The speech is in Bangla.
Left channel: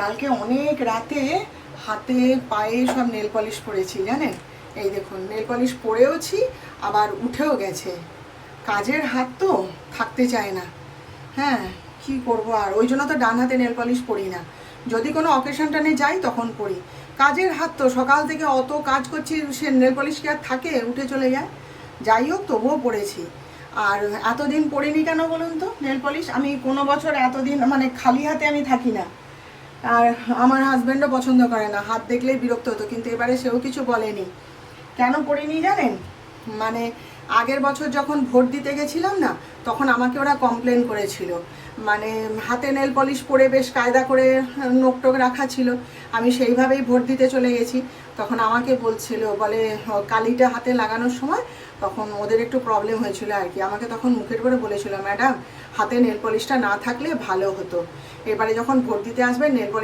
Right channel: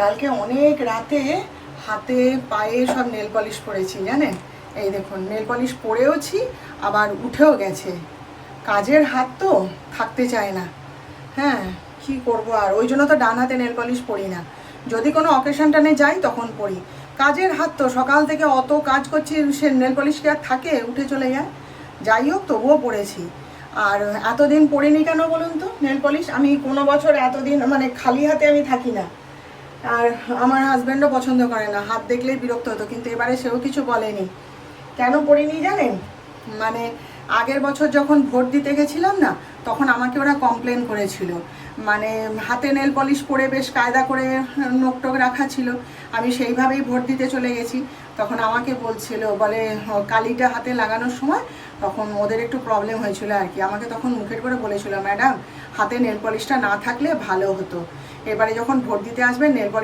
কালকে অনেক রাতে হাতে পায়ে সব নেল পলিশ পরেছি জানেন। এই দেখুন নেল পলিশ পরেওছি, আবার উঠেও গেছে। কাজের হাত তো থাকতে চায় না। হ্যাঁ, কি করব আর, ওই জন্য তো ডান হাতে নেল পলিশ পরি না। যদি কোনো অকেশন টানে যাই তখন পরি। কাজের হাত তো, সকাল থেকে অত কাজ করছি, সে নেল পলিশ কি আর থাকে, উঠে চলে যায়। যাই হোক, তবুও পরেছি। আর এতদিন পরিনি কেন বলুন তো নেল পলিশ? আমি কোনো বছর এতদিন মানে খালি হাতে আমি থাকি না। আর আমার হাজব্যান্ডও পছন্দ করে না, হাত দেখলেই বিরক্ত হতো, কিন্তু এবারে সেও কিছু বলেনি। কেন পড়িনি জানেন? মানে আগের বছর যখন ভোট দিতে গেছিলাম না, তখন আমাকে ওরা কমপ্লেন করেছিল। মানে হাতে নেল পলিশ পরে বেশ কায়দা করে নোকটোক রাখা ছিল, আমি সেইভাবেই ভোট দিতে চলে গেছি। তখন আমাকে বলছিল, বলে কালিটা হাতে লাগানোর সময় তখন ওদের একটু প্রবলেম হয়েছিল আর কি। আমাকে তখন মুখের করে বলেছিল, ম্যাডাম হাতে নেল পলিশটা না থাকলে ভালো হতো, এবারে যখন ভোট দিতে আসবেন নেল পলিশ